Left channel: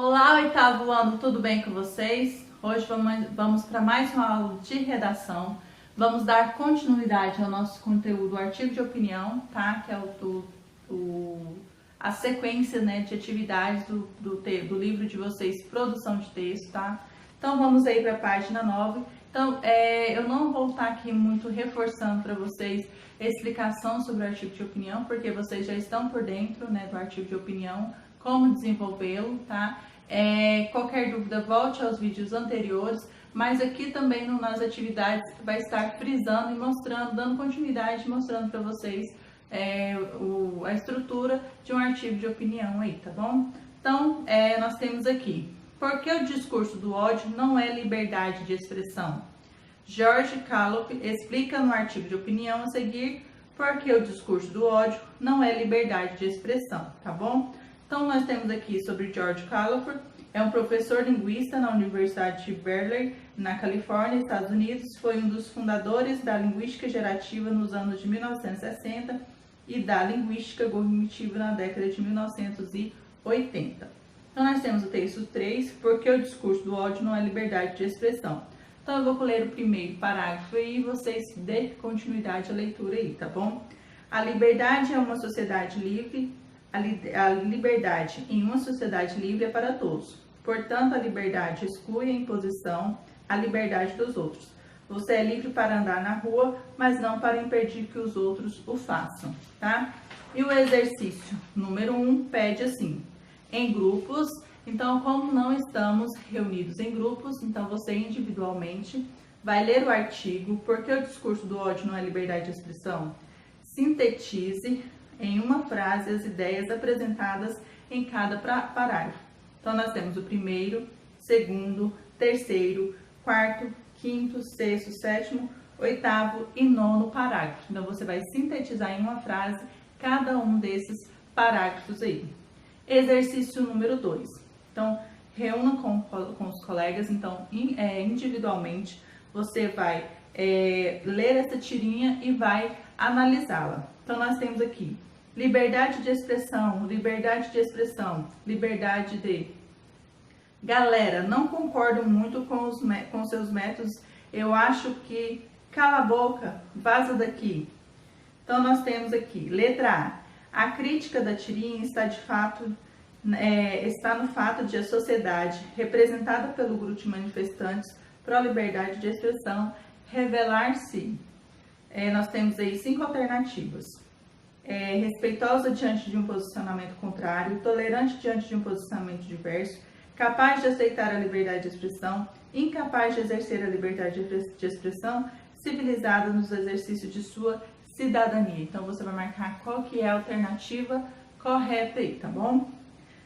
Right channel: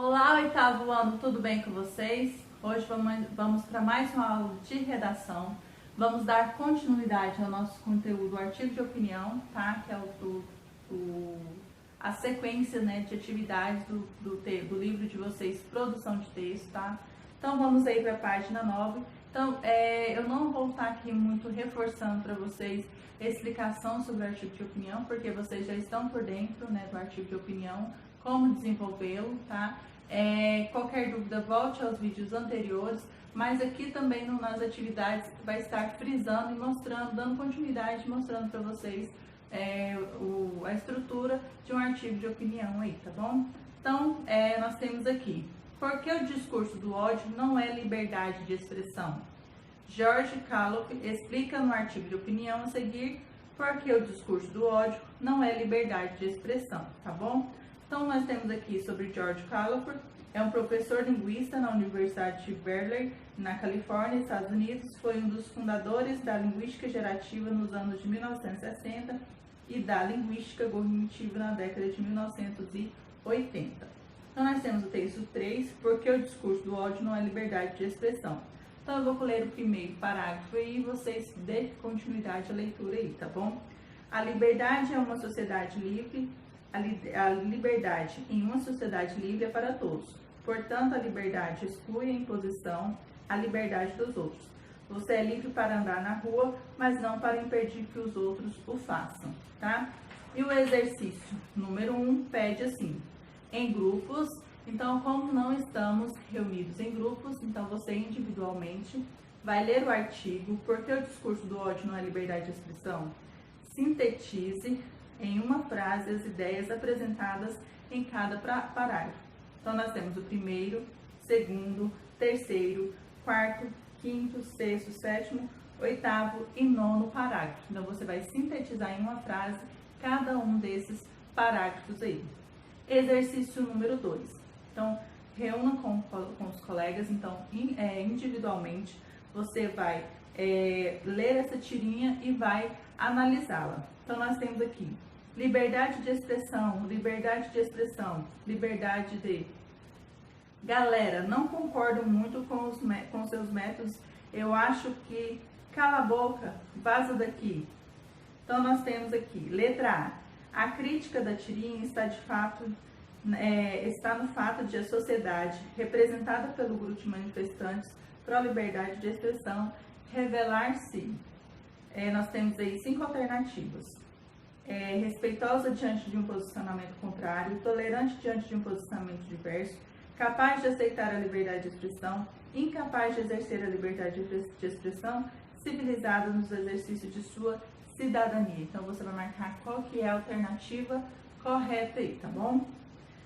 Olá, oitavo ano, tudo bem com vocês? Hoje vamos para mais uma aula de redação. Vamos dar continuidade ao nosso conteúdo, o artigo de opinião, tá? Que é a sequência, né, de atividades do livro de vocês, produção de texto, tá? Então vamos aí para a página 9. Então, eu não vou estar aqui muito reforçando para vocês a explicação sobre o artigo de opinião, porque vocês já estão por dentro, né, do artigo de opinião, como desenvolvê-lo, tá? Qualquer dúvida, volte aos vídeos anteriores, mas aqui também nas atividades vai estar frisando e mostrando, dando continuidade, mostrando para vocês a estrutura de um artigo de opinião aí, tá bom? Então, nós temos aqui, por que o discurso do ódio não é liberdade de expressão? George Calop explica no artigo de opinião a seguir por que o discurso do ódio não é liberdade de expressão, tá bom? Então, nós temos aqui sobre George Calop, é um professor linguista na Universidade de Berkeley, na Califórnia, Estados Unidos. Foi um dos fundadores da linguística gerativa nos anos de 1960 e da linguística cognitiva na década de 1980. Então, nós temos o texto 3, por que o discurso do ódio não é liberdade de expressão? Então, eu vou ler o primeiro parágrafo e vocês dêem continuidade à leitura aí, tá bom? A liberdade é uma sociedade livre. A liberdade em uma sociedade livre é para todos. Portanto, a liberdade exclui a imposição, a liberdade dos outros. Você é livre para andar na rua, mas não para impedir que os outros o façam, tá? E o exercício número 1 pede assim, em grupos. Então, como não estamos reunidos em grupos, então você individualmente vai ler o artigo, por que o discurso do ódio não é liberdade de expressão? Sintetize em uma frase as ideias apresentadas em cada parágrafo. Então, nós temos o primeiro, segundo, terceiro, quarto, quinto, sexto, sétimo, oitavo e nono parágrafo. Então, você vai sintetizar em uma frase cada um desses parágrafos aí. Exercício número 2. Então, reúna com os colegas, então, individualmente, você vai ler essa tirinha e vai analisá-la. Então, nós temos aqui liberdade de expressão, liberdade de expressão, liberdade de... Galera, não concordo muito com seus métodos, eu acho que... Cala a boca, vaza daqui. Então, nós temos aqui, letra A. A crítica da tirinha está no fato de a sociedade, representada pelo grupo de manifestantes pró-liberdade de expressão, revelar-se. Nós temos aí 5 alternativas. Respeitosa diante de um posicionamento contrário, tolerante diante de um posicionamento diverso, capaz de aceitar a liberdade de expressão, incapaz de exercer a liberdade de expressão, civilizada nos exercícios de sua cidadania. Então, você vai marcar qual que é a alternativa correta aí, tá bom?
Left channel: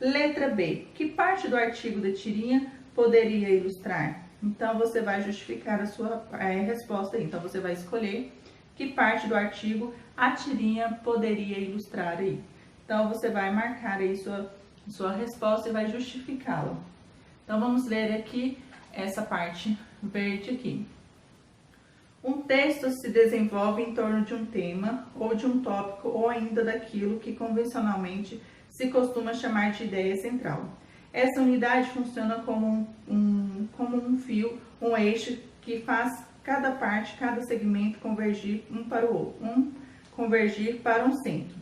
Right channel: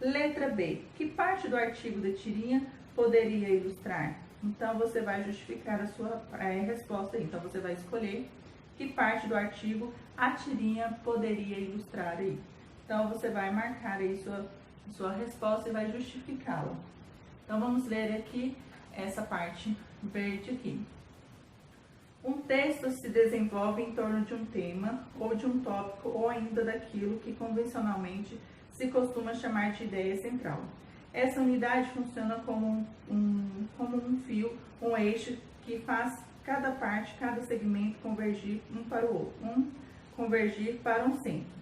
Letra B. Que parte do artigo da tirinha poderia ilustrar? Então, você vai justificar a sua resposta aí. Então, você vai escolher que parte do artigo a tirinha poderia ilustrar aí. Então, você vai marcar aí sua resposta e vai justificá-la. Então, vamos ler aqui essa parte verde aqui. Um texto se desenvolve em torno de um tema, ou de um tópico, ou ainda daquilo que convencionalmente se costuma chamar de ideia central. Essa unidade funciona como um fio, um eixo que faz cada parte, cada segmento convergir convergir para um centro.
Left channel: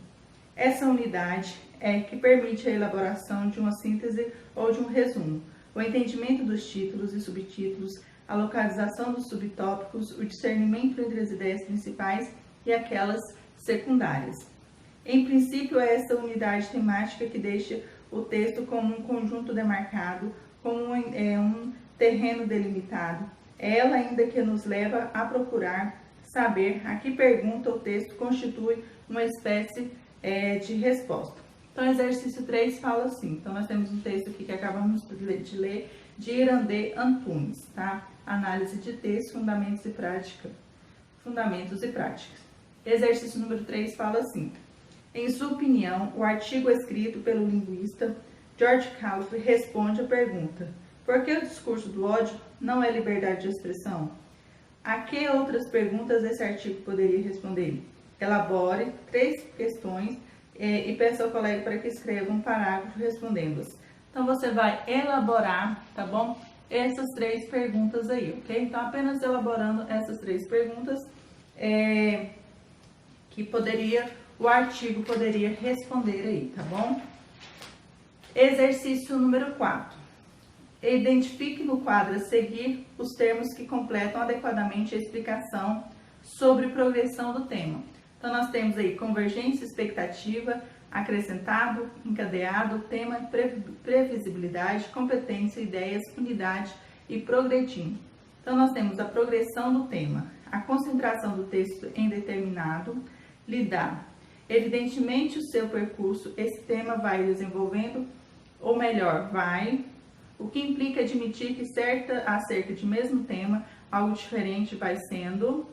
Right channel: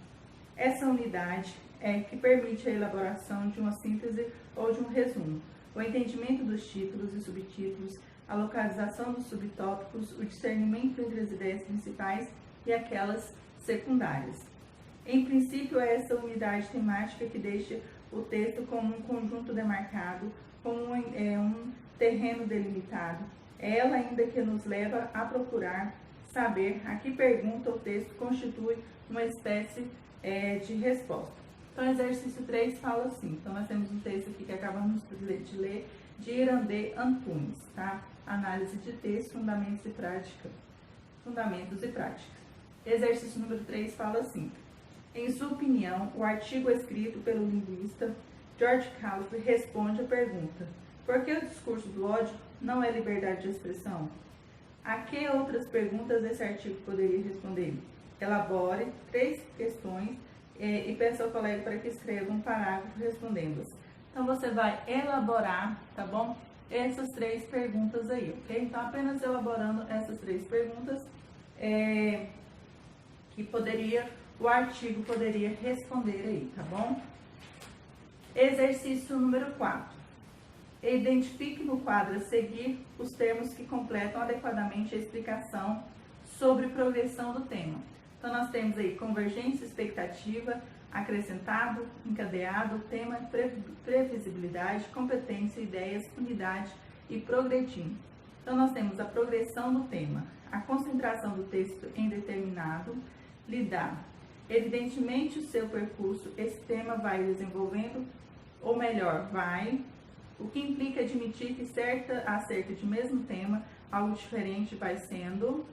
Essa unidade é que permite a elaboração de uma síntese ou de um resumo, o entendimento dos títulos e subtítulos, a localização dos subtópicos, o discernimento entre as ideias principais e aquelas secundárias. Em princípio, é essa unidade temática que deixa o texto como um conjunto demarcado, como um terreno delimitado. É ela ainda que nos leva a procurar saber a que pergunta o texto constitui uma espécie de resposta. Então, exercício 3 fala assim. Então, nós temos um texto aqui que acabamos de ler, de Irandê Antunes, tá? Análise de texto, fundamentos e práticas. Exercício número 3 fala assim. Em sua opinião, o artigo escrito pelo linguista George Calop responde à pergunta: por que o discurso do ódio não é liberdade de expressão? A que outras perguntas esse artigo poderia responder? Elabore 3 questões e peça ao colega para que escreva um parágrafo respondendo-as. Então, você vai elaborar, tá bom? Essas 3 perguntas aí, ok? Então, apenas elaborando essas 3 perguntas, que o artigo poderia responder aí, tá bom? Exercício número 4. Identifique no quadro a seguir os termos que completam adequadamente a explicação sobre progressão do tema. Então, nós temos aí convergência, expectativa, acrescentado, encadeado, tema, previsibilidade, competência, ideias, unidade e progredindo. Então, nós temos a progressão do tema, a concentração do texto em determinado, lidar. Evidentemente, o seu percurso, esse tema vai desenvolvendo, ou melhor, o que implica admitir que acerca de mesmo tema, algo diferente vai sendo,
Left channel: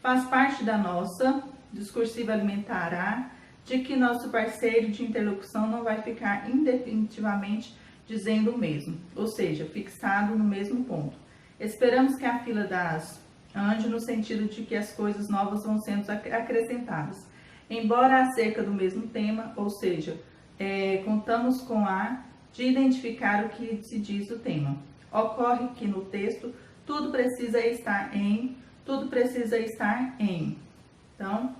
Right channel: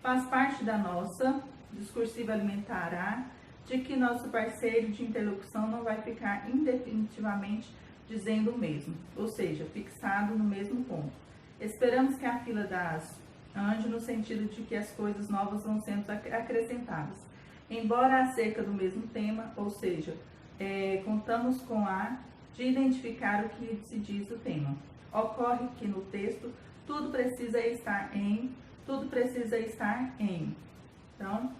faz parte da nossa discursiva alimentará, de que nosso parceiro de interlocução não vai ficar indefinitivamente dizendo o mesmo, ou seja, fixado no mesmo ponto. Esperamos que a fila ande no sentido de que as coisas novas vão sendo acrescentadas, embora acerca do mesmo tema, ou seja, contamos com de identificar o que se diz do tema. Ocorre que no texto tudo precisa estar em. Então,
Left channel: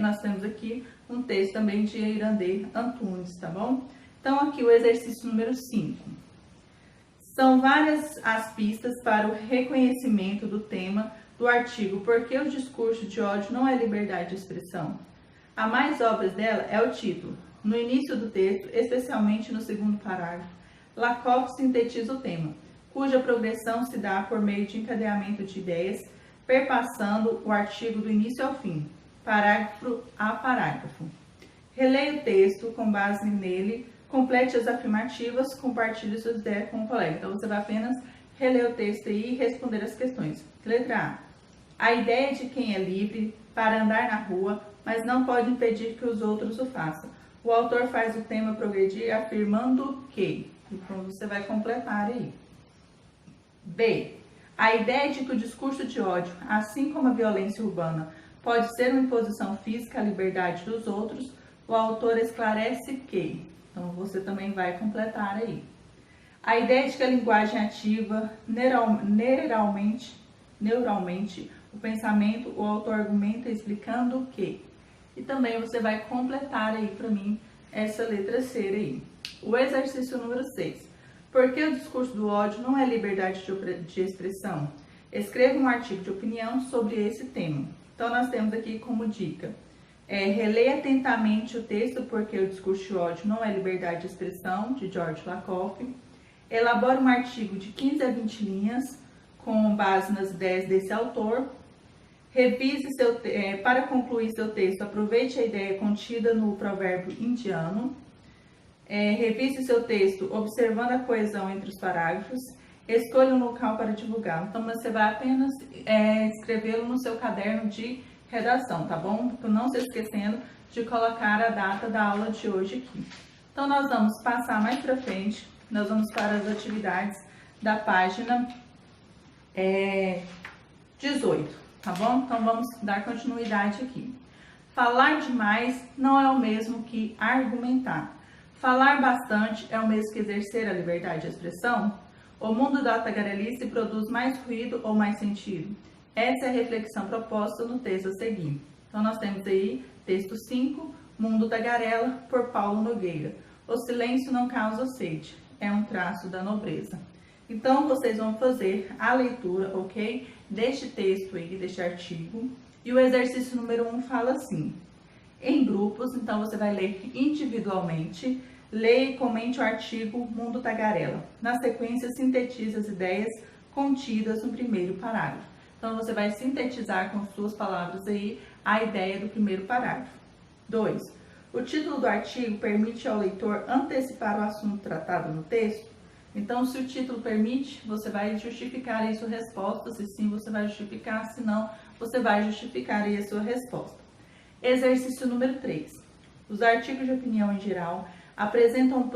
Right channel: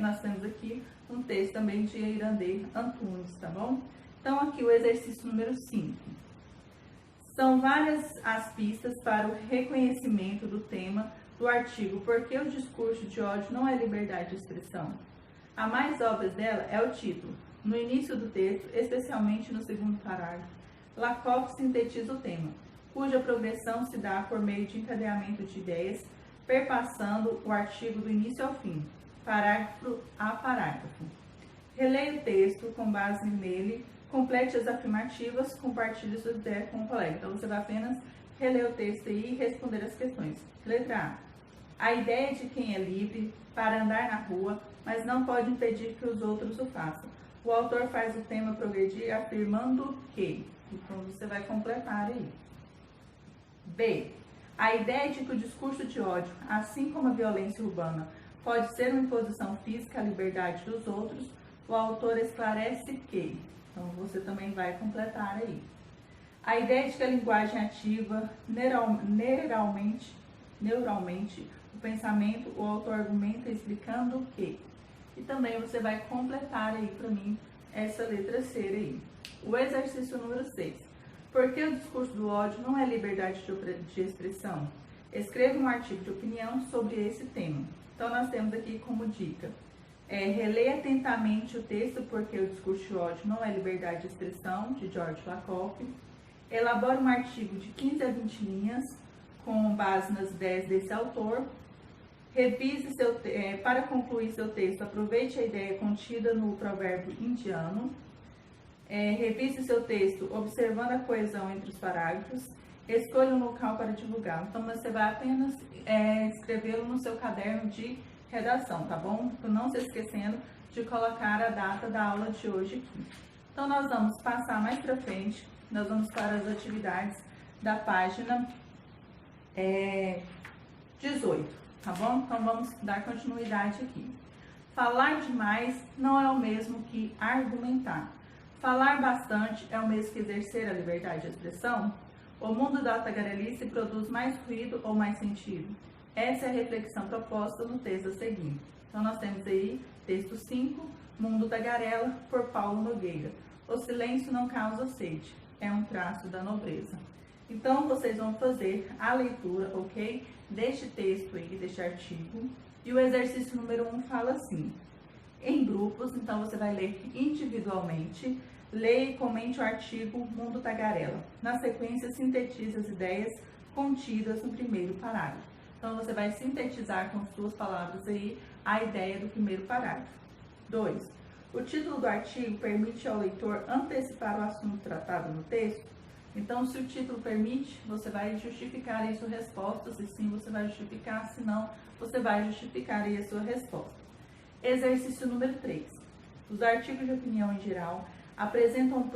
nós temos aqui um texto também de Irandê Antunes, tá bom? Então, aqui o exercício número 5. São várias as pistas para o reconhecimento do tema do artigo Por que o discurso de ódio não é liberdade de expressão? A mais óbvia dela é o título. No início do texto, especialmente no segundo parágrafo, Lakoff sintetiza o tema, cuja progressão se dá por meio de encadeamento de ideias, perpassando o artigo do início ao fim, parágrafo a parágrafo. Releia o texto com base nele, complete as afirmativas, compartilhe sua ideia com o colega. Então, você vai apenas reler o texto aí e responder as questões. Letra A. A ideia de quem é livre para andar na rua, mas não pode impedir que os outros o façam. O autor faz o tema progredir afirmando que. Então, você vai completar aí. B. A ideia de que o discurso de ódio, assim como a violência urbana, pode ser uma imposição física à liberdade dos outros, o autor esclarece que. Então, você também vai completar aí. A ideia de que a linguagem ativa neuralmente o pensamento, o autor argumenta explicando que. E também você vai completar aí para mim essa letra C aí. O exercício número 6. Por que o discurso do ódio não é liberdade de expressão? Escreva um artigo de opinião sobre esse tema. Então, nós temos aqui como dica, releia atentamente o texto Porque o discurso de ódio não é liberdade de expressão, de George Lakoff. Elabore um artigo de 15 a 20 linhas, com base nas ideias desse autor. Revise para concluir seu texto, aproveite a ideia contida no provérbio indiano. Revise seu texto observando a coesão entre os parágrafos. Escolha um local para divulgar. Então, você vai apenas escrevê-lo no seu caderno de redação, tá bom? Não se esquecendo de colocar a data da aula de hoje aqui. Então, nós vamos passar mais para frente. Nós vamos para as atividades da página 18, tá bom? Então, vamos dar continuidade aqui. Falar demais não é o mesmo que argumentar. Falar bastante é o mesmo que exercer a liberdade de expressão? O mundo da tagarelice produz mais ruído ou mais sentido? Essa é a reflexão proposta no texto a seguir. Então, nós temos aí texto 5, Mundo Tagarela, por Paulo Nogueira. O silêncio não causa sede, é um traço da nobreza. Então, vocês vão fazer a leitura, ok? Deste texto aí, deste artigo. E o exercício número 1 fala assim. Em grupos, então você vai ler individualmente, leia e comente o artigo Mundo Tagarela. Na sequência, sintetize as ideias contidas no primeiro parágrafo. Então, você vai sintetizar com suas palavras aí a ideia do primeiro parágrafo. 2. O título do artigo permite ao leitor antecipar o assunto tratado no texto? Então, se o título permite, você vai justificar aí sua resposta. Se sim, você vai justificar. Se não, você vai justificar aí a sua resposta. Exercício número 3. Os artigos de opinião em geral apresentam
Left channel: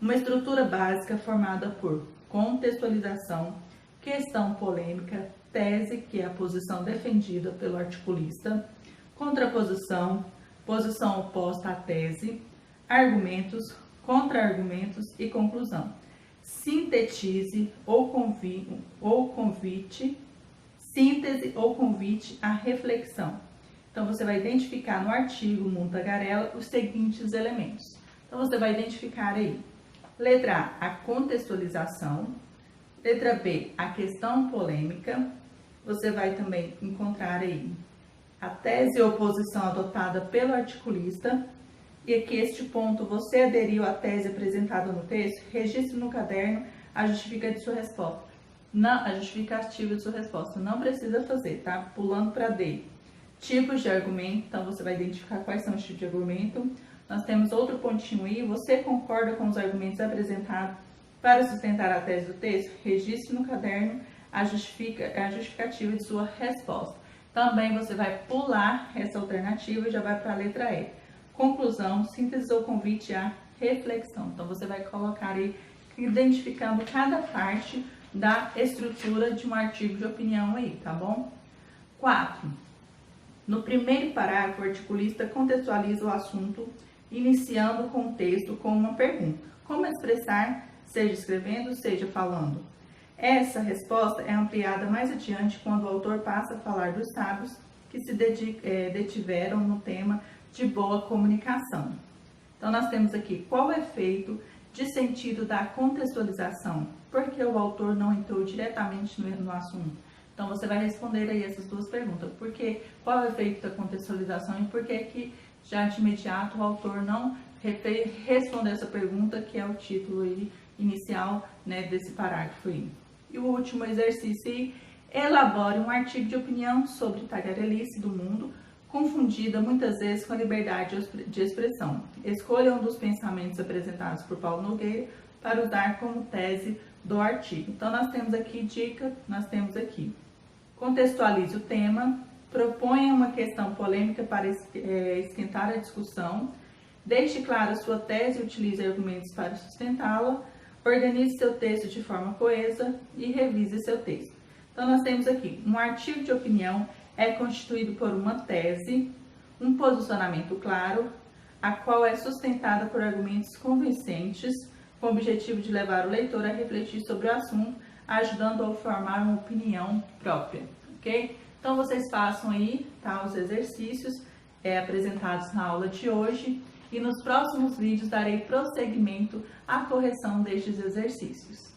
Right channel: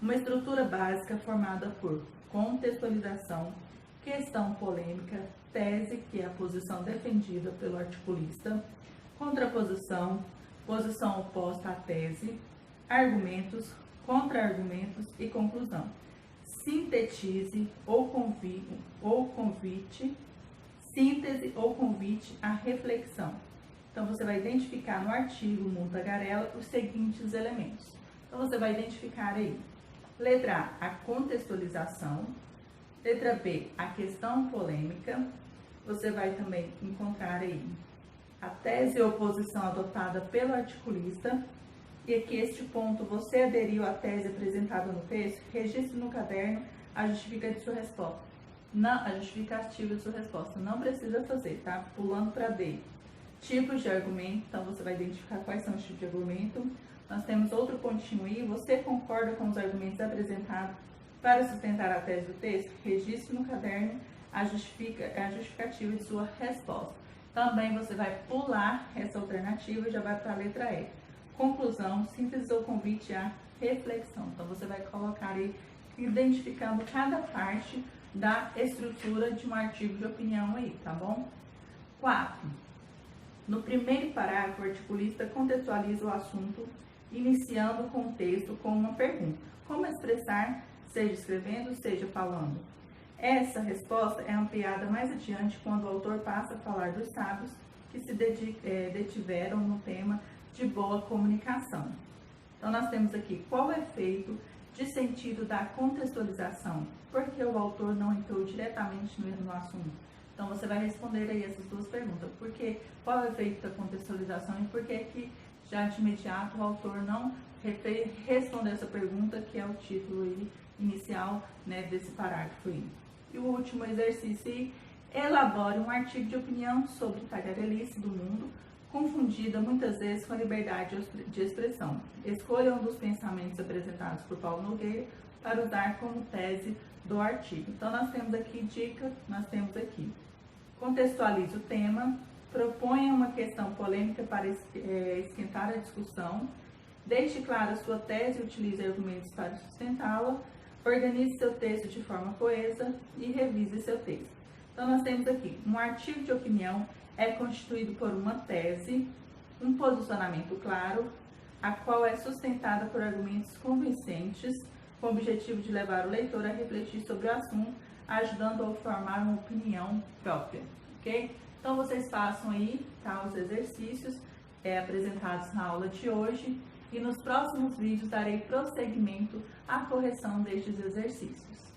uma estrutura básica formada por contextualização, questão polêmica, tese, que é a posição defendida pelo articulista, contraposição, posição oposta à tese, argumentos, contra-argumentos e conclusão. Sintetize ou convite, síntese ou convite à reflexão. Então, você vai identificar no artigo Mundo Tagarela os seguintes elementos. Então, você vai identificar aí, letra A, a contextualização, letra B, a questão polêmica, você vai também encontrar aí a tese e oposição adotada pelo articulista, e aqui este ponto você aderiu à tese apresentada no texto, registre no caderno a justificativa de sua resposta. Não precisa fazer, tá? Pulando para D. Tipos de argumento, então você vai identificar quais são os tipos de argumento. Nós temos outro pontinho aí, você concorda com os argumentos apresentados para sustentar a tese do texto? Registre no caderno a justificativa de sua resposta. Também você vai pular essa alternativa e já vai para a letra E. Conclusão, síntese ou convite à reflexão. Então, você vai colocar aí, identificando cada parte da estrutura de um artigo de opinião aí, tá bom? 4. No primeiro parágrafo, o articulista contextualiza o assunto, iniciando o contexto com uma pergunta. Como expressar, seja escrevendo, seja falando? Essa resposta é ampliada mais adiante quando o autor passa a falar dos sábios que se detiveram no tema de boa comunicação. Então, nós temos aqui qual é o efeito de sentido da contextualização, porque o autor não entrou diretamente no assunto. Então, você vai responder aí essas duas perguntas. Qual é o efeito da contextualização e por que já de imediato o autor não respondeu essa pergunta, que é o título aí inicial, né, desse parágrafo aí. E o último exercício aí, elabore um artigo de opinião sobre tagarelice do mundo, confundida muitas vezes com a liberdade de expressão. Escolha um dos pensamentos apresentados por Paulo Nogueira para usar como tese do artigo. Então, nós temos aqui dica, nós temos aqui. Contextualize o tema, proponha uma questão polêmica para esquentar a discussão, deixe clara sua tese e utilize argumentos para sustentá-la, organize seu texto de forma coesa e revise seu texto. Então, nós temos aqui um artigo de opinião é constituído por uma tese, um posicionamento claro, a qual é sustentada por argumentos convincentes, com o objetivo de levar o leitor a refletir sobre o assunto, ajudando a formar uma opinião própria, ok? Então, vocês façam aí, tá, os exercícios apresentados na aula de hoje, e nos próximos vídeos darei prosseguimento à correção destes exercícios.